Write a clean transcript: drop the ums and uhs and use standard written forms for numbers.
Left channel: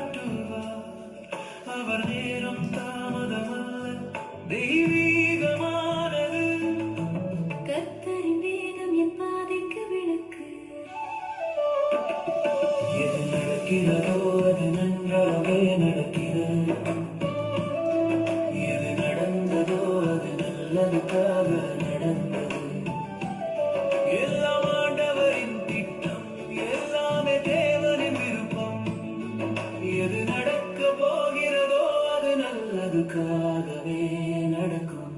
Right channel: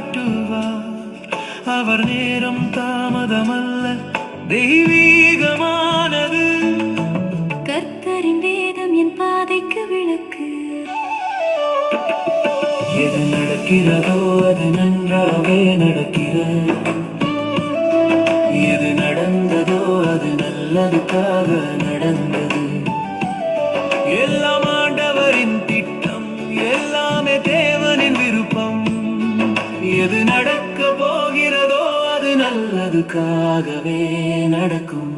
காட்டுவார். அவர் நேரம் தாமதமல்ல, தெய்வீகமானது. கர்த்தரின் வேதம் என் பாதைக்கு விளக்கு. எது நடக்கிறதோ அது நன்றாகவே நடக்கிறது. எது நடந்ததோ அது நல்லதுக்காக நடந்தது. எல்லாம் ஆண்டவரின் திட்டம், எல்லாமே தேவனின் விருப்பம். எது நடக்க போகிறதோ அது நல்லதுக்காகவே நடக்கும்.